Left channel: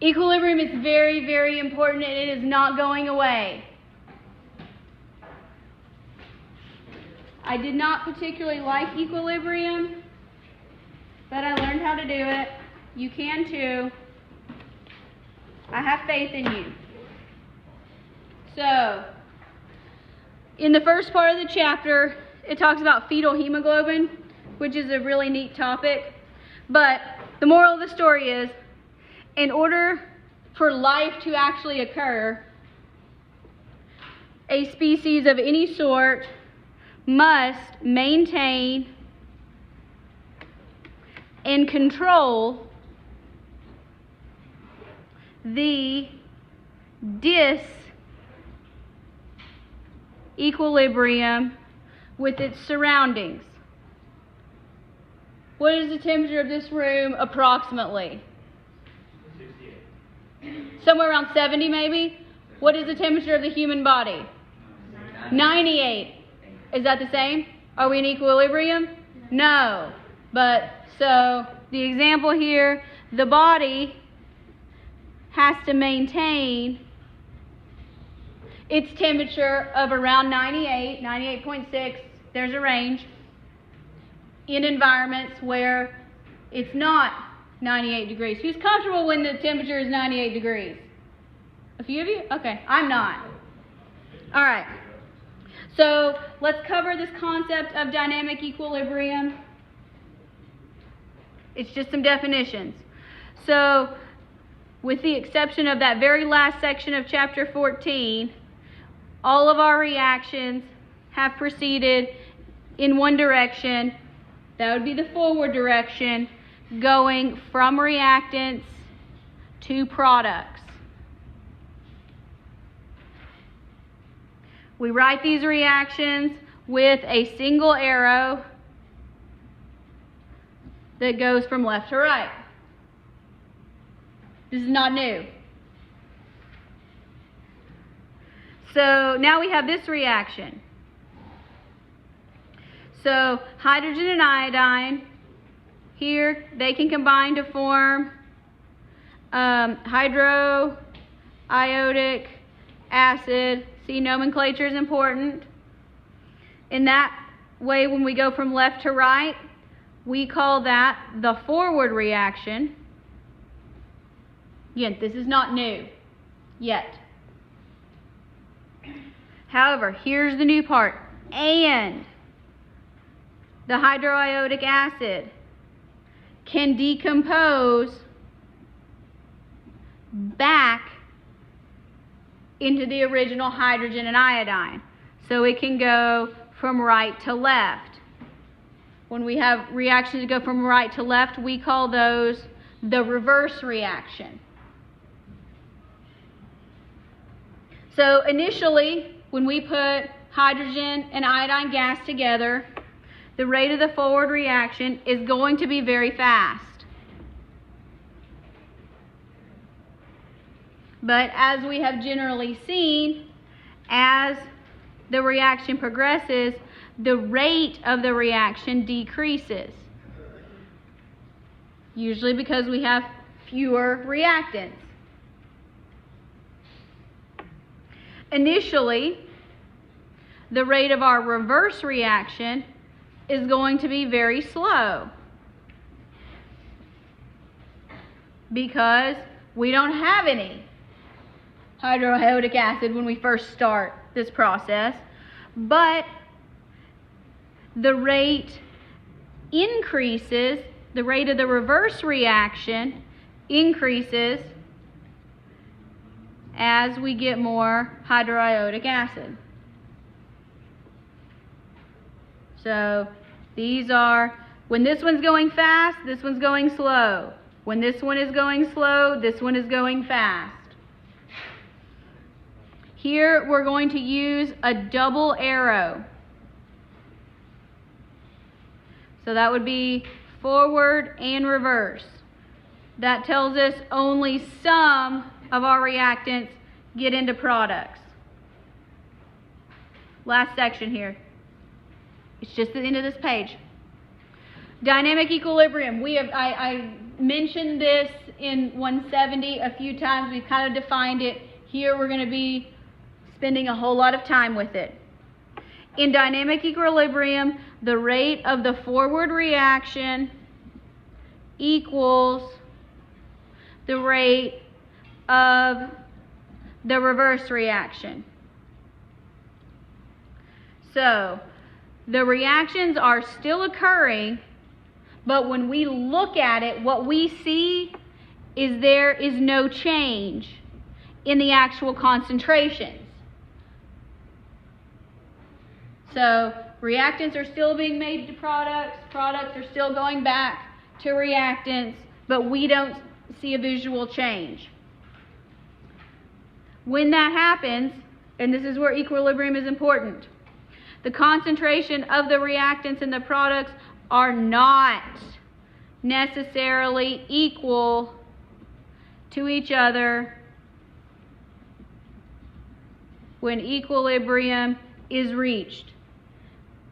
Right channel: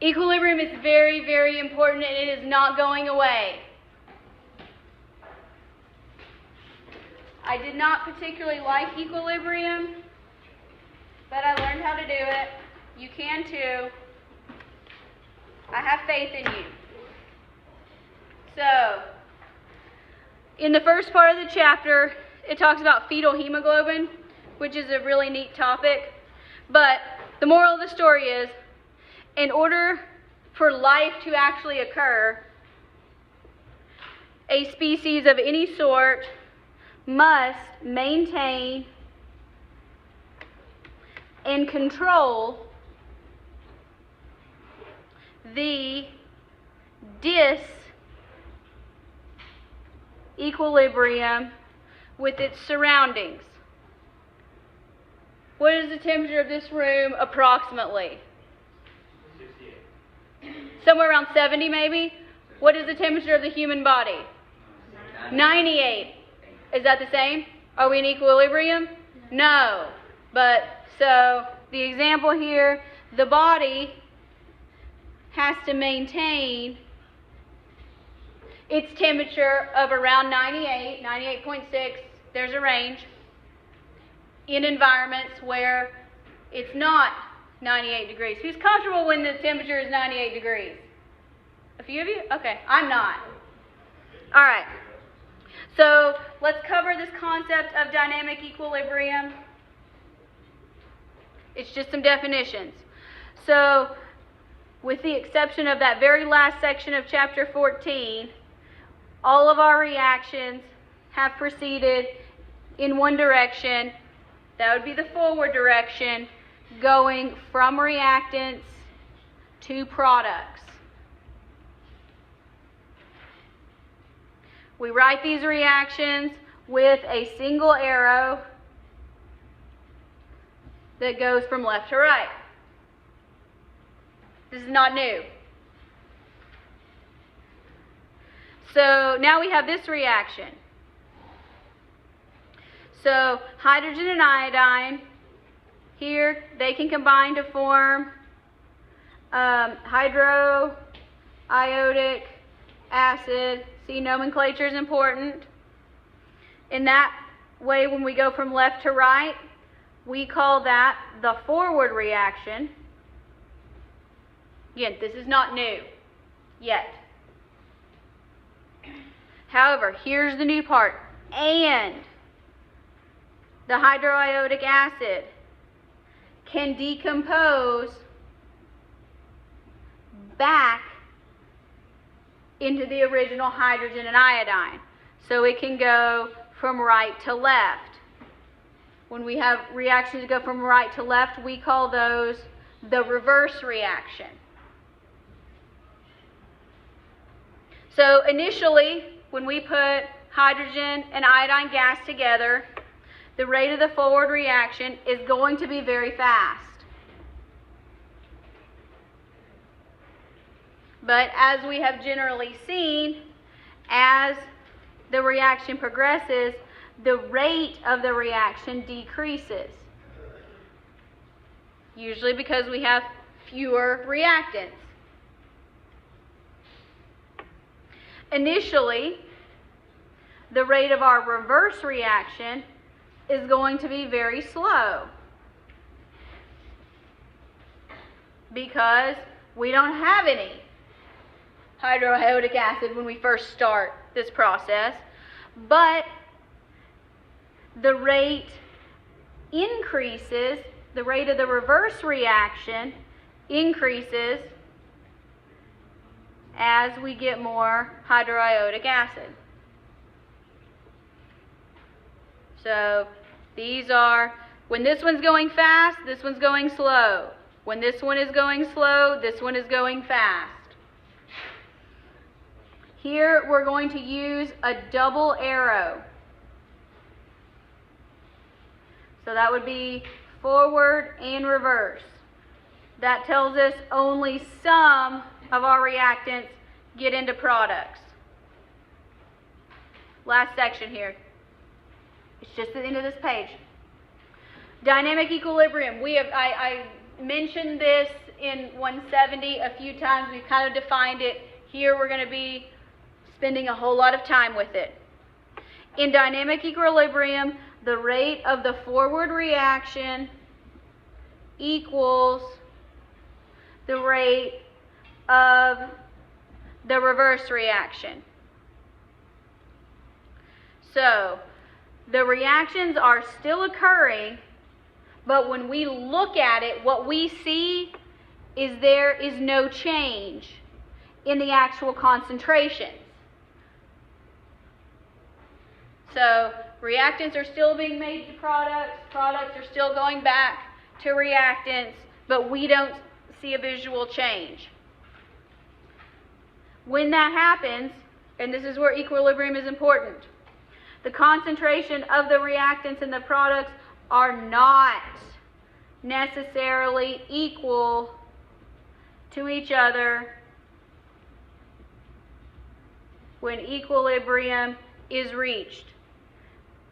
Equilibrium is very, very important, and it is not going away. I did not particularly like equilibrium, but I learned how to do it. You can too. I have faith in you. So, in the first part of the chapter, it talks about fetal hemoglobin, which is a really neat topic. But the moral of the story is, in order for life to actually occur, a species of any sort must maintain and control the disequilibrium with its surroundings. What is the temperature of this room approximately? 68. Somewhere around 70 maybe? What is the temperature of the human body? 98. Is that the same? Are we in equilibrium? No. But, so, the example here, the body has to maintain its temperature of around 98, 98.6, there's a range, in environments where it's not 98 degrees. Who's comfortable when the temperature is 98 degrees? A few of you? Okay, I'm not. All right. So let's cover this concept of dynamic equilibrium. It's just some definitions. So, with the exception of that very last section of chapter 14, all of our reactions have proceeded in one direction. That would be the forward direction, going from reactants to products. We write these reactions with a single arrow that goes from left to right. This is not new. So now we have this reaction. So hydrogen and iodine, here they can combine to form hydroiodic acid. See, nomenclature is important. In that way, when we go from left to right, we call that the forward reaction. Again, this is not new yet. However, here's the new part. And the hydroiodic acid can decompose back into the original hydrogen and iodine. So it can go from right to left. When we have reactions that go from right to left, we call those the reverse reaction. So initially, when we put hydrogen and iodine gas together, the rate of the forward reaction is going to be very fast. But as we have generally seen, as the reaction progresses, the rate of the reaction decreases. Usually because we have fewer reactants. Initially, the rate of our reverse reaction is going to be very slow because we don't have any hydroiodic acid when we first start this process, but the rate increases, the rate of the reverse reaction increases as we get more hydroiodic acid. So these are, when this one's going fast, this one's going slow. When this one is going slow, this one is going fast. Here we're going to use a double arrow. So that would be forward and reverse. That tells us only some of our reactants get into products. Last section here. It's just the end of this page. Dynamic equilibrium. I mentioned this in 170 a few times. We've kind of defined it. Here we're going to be spending a whole lot of time with it. In dynamic equilibrium, the rate of the forward reaction equals the rate of the reverse reaction. So the reactions are still occurring, but when we look at it, what we see is there is no change in the actual concentrations. So reactants are still being made to products, products are still going back to reactants, but we don't see a visual change. When that happens, and this is where equilibrium is important, the concentration of the reactants and the products are not necessarily equal to each other when equilibrium is reached.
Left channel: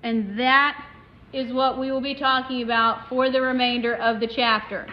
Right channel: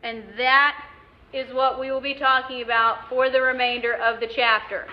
And that is what we will be talking about for the remainder of the chapter.